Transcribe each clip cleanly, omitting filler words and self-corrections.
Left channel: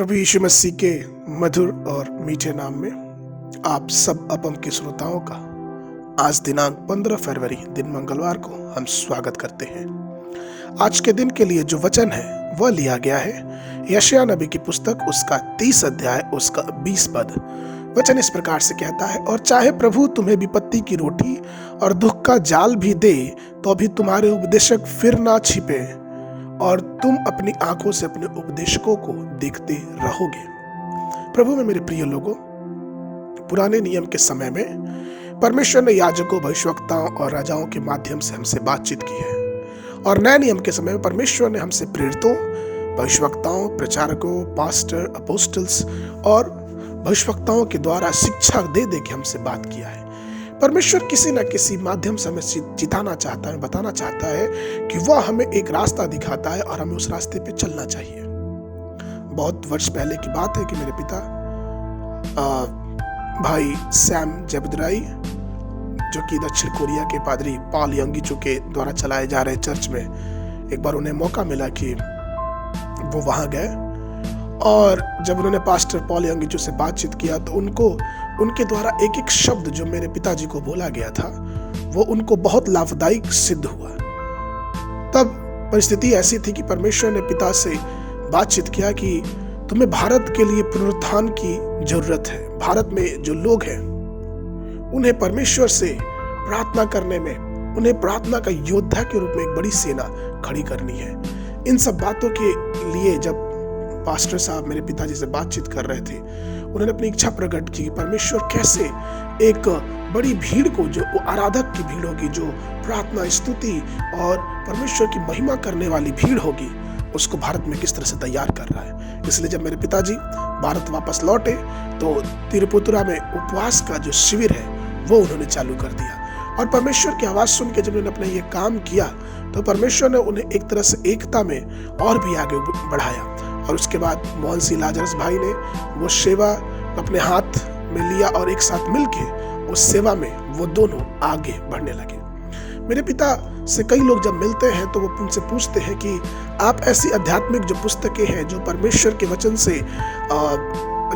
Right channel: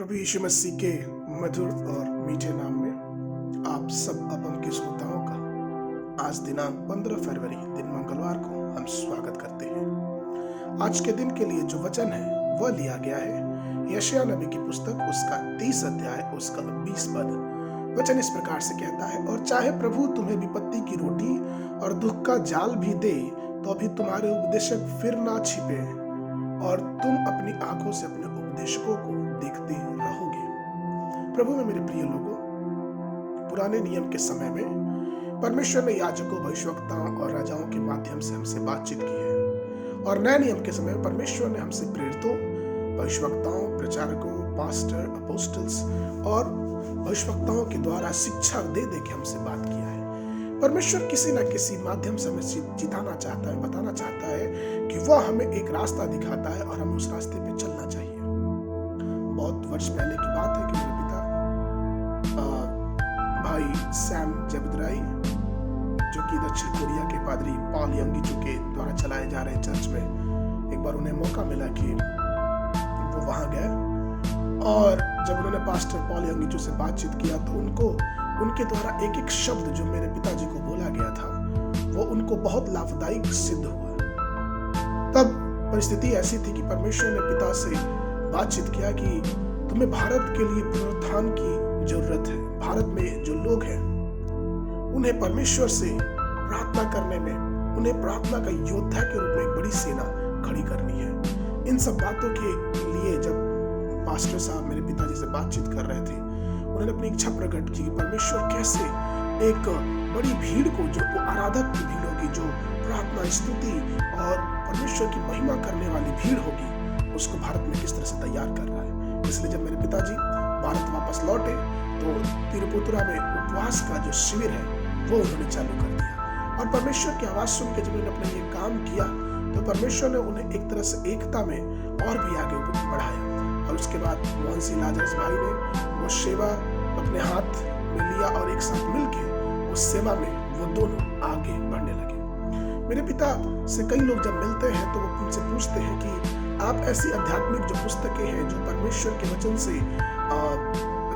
प्रभु यीशु मसीह के मधुर और मीठे नाम में आप सब अपम के श्रोताओं का आज दिनांक 15 फरवरी दिन मंगलवार को हम स्वागत करते हैं। आज के दिन के लिए जो वचन है वह लिया गया है यशायाह नबी की पुस्तक उसका 30 अध्याय उसका 20 पद। वचन इस प्रकार से कहता है, और चाहे प्रभु तुम्हें विपत्ति की रोटी और दुख का जाल भी दे तो भी तुम्हारे उपदेशक फिर ना छिपे और तुम अपनी आंखों से अपने उपदेशकों को देखते रहोगे। प्रभु में मेरे प्रिय लोगों, पुराने नियम के समय में परमेश्वर ने याजकों, भविष्यवक्ताओं और राजाओं के माध्यम से हमसे बातचीत की है, और नए नियम के समय में परमेश्वर ने हमसे प्रेरितों, भविष्यवक्ताओं, प्रचारकों, पास्टर, अपोस्टल्स और भविष्यवक्ताओं के द्वारा शिक्षा दे के हमसे बात किया है। परमेश्वर किसी न किसी माध्यम से हमें जिताना चाहता है, बताना चाहता है कि वह हमें एक रास्ता दिखाता है और हमें उस रास्ते पे चलना चाहिए। बहुत वर्ष पहले की बात है कि मेरे पिता भाई सैम जेबद्राई, जो कि दक्षिण कोरिया के पादरी पॉल यंगीचू के द्वारा चलाए जा रहे चर्च में, एक बार उन्हें मौका मिला कि वो वहां गए, और जब उन्होंने पास्टर पॉल यंगीचू से बातचीत किया तो उनके द्वारा एक एक शब्द जो मेरे पिताजी को बोला गया था वो उनको बहुत लाभदायक सिद्ध हुआ। तब परिस्थिति ऐसी थी कि परमेश्वर ने पिता से बातचीत किया कि तुम्हें भारत के लिए पुनरुत्थान की जरूरत है। भारत में जो लोग हैं उन्हें परमेश्वर से प्रार्थना करने में, उन्हें प्रार्थना का योद्धा के रूप में एक बड़ी सेना खड़ी करनी है। इन सब बातों के लिए जब पास्टर साहब मेरे पिताजी से बातचीत कर रहे थे, उन्होंने अपनी इच्छा प्रकट की कि परमेश्वर कैसे एक बड़ी भीड़ को, जो आराधक की भीड़ होगी, जो प्रार्थना, स्तुति और परमेश्वर की महिमा करने वाली भीड़ होगी, उसको भारत में किस तरह से तैयार कर रहा है। इसलिए जब मेरे पिताजी भारत वापस लौटे तो तिरुपुतुरा में उपवास का जो शिविर है वो उन्होंने चालू कर दिया, और परमेश्वर की आवाज सुन के जब उन्होंने अपना ये काम किया तो परमेश्वर ने उन्हें एक तरह से एकता में और भी आगे बढ़ाया। और उसके बाद मोहन सिंह लाजरस भाई ने वो सेवा अपने हाथ में लिया और एक साथ मिलके उस सेवा में वो दोनों आगे बढ़ने लगे। मेरे पिता से कई लोग जब मिलते हैं तो वो उनसे पूछते हैं कि आप ऐसी आध्यात्मिक जो पुस्तकें हैं, जो परमेश्वर के वचन से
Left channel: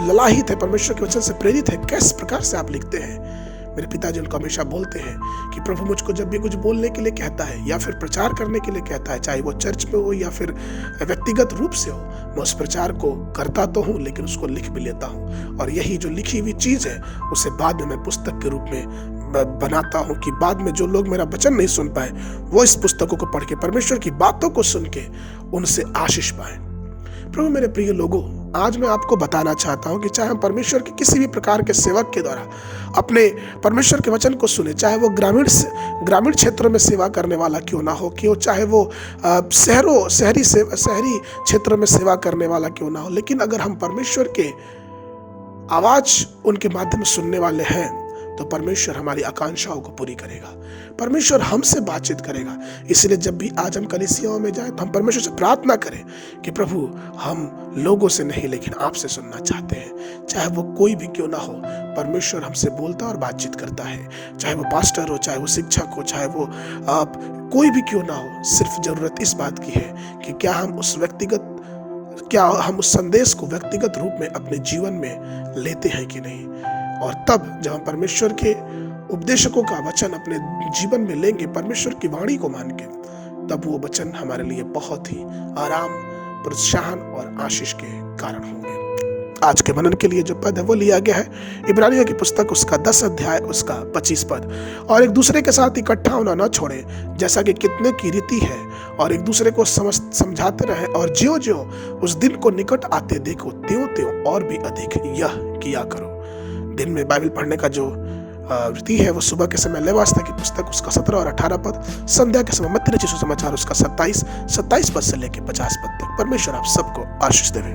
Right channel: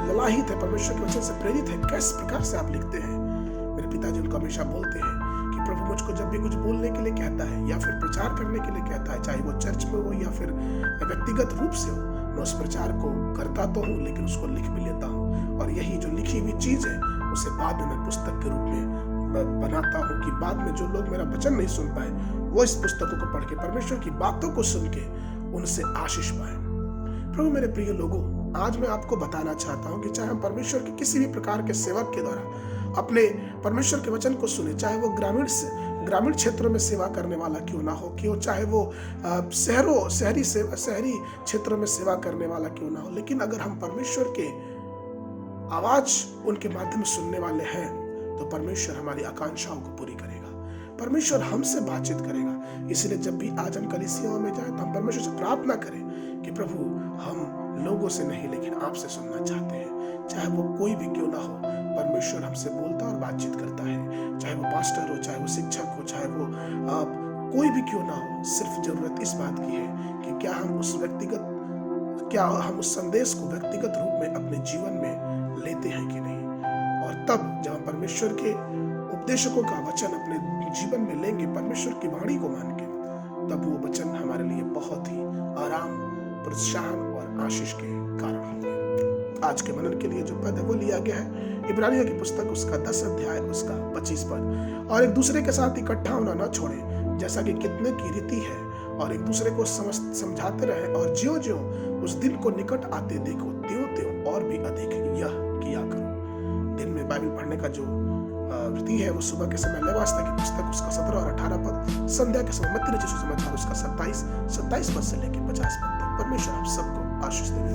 ललाहित है, परमेश्वर के वचन से प्रेरित है, किस प्रकार से आप लिखते हैं। मेरे पिताजी उनको हमेशा बोलते हैं कि प्रभु मुझको जब भी कुछ बोलने के लिए कहता है या फिर प्रचार करने के लिए कहता है, चाहे वो चर्च में हो या फिर व्यक्तिगत रूप से हो, मैं उस प्रचार को करता तो हूँ लेकिन उसको लिख भी लेता हूँ, और यही जो लिखी हुई चीज है उसे बाद में मैं पुस्तक के रूप में बनाता हूँ कि बाद में जो लोग मेरा वचन नहीं सुन पाए वो इस पुस्तकों को पढ़ के परमेश्वर की बातों को सुन के उनसे आशीष पाए। प्रभु मेरे प्रिय लोगों, आज मैं आपको बताना चाहता हूं कि चाहे हम परमेश्वर के किसी भी प्रकार के सेवक के द्वारा अपने परमेश्वर के वचन को सुने, चाहे वो ग्रामीण क्षेत्रों में सेवा करने वाला क्यों ना हो, कि चाहे वो शहरी क्षेत्रों में सेवा करने वाला क्यों ना हो, लेकिन अगर हम परमेश्वर के आवाज उनके माध्यम से सुनने वाले हैं तो परमेश्वर हमारी आकांक्षाओं को पूरी करेगा, परमेश्वर हमसे बातचीत करेगा। इसलिए जब भी आज हम कलीसियाओं में जाए तो हम परमेश्वर से प्रार्थना करें कि प्रभु हम लोगों से नहीं लेकिन आपसे सुनना चाहते हैं। चाहे वो कोई भी क्यों ना हो, परमेश्वर हमसे बोलता और बातचीत करता है, चाहे वो पास्टर हो, चाहे वो शिक्षक हो, चाहे वो कोई भी क्यों ना हो। सिर्फ जरूरत इस बात की है कि क्या हम उस संदेश को व्यक्तिगत रूप में अपने जीवन में लेते हैं कि नहीं। और तब जब हम परमेश्वर के उपदेशकों का वचन अपने जीवन में लेंगे, परमेश्वर की वाणी को मान के, तब वो वचन हमारे लिए बहुत ही आराम, प्रोत्साहन और आशीष के कारण होंगे। आज के मनन के लिए जो पद है वो लिया गया है इब्रानियों की पुस्तक उसका 10 अध्याय उसका 25 पद। और एक दूसरे के साथ इकट्ठा होना न छोड़े, जैसा कि कितने की रीति है, और एक दूसरे को समझाते रहे, और ज्यों ज्यों उस दिन को निकट आते देखो त्यों त्यों और भी अधिक यह किया करो। दिन में बाइबल पढ़ने का जो रीति है वो सुबह के समय लेवास्ता की पुस्तक उसका 17 और 18 पद, संध्या के समय मत्ती रचित सुसमाचार उसका 27 पद से लेकर 50 पद तक। परमेश्वर आप सबको आशीष देवे।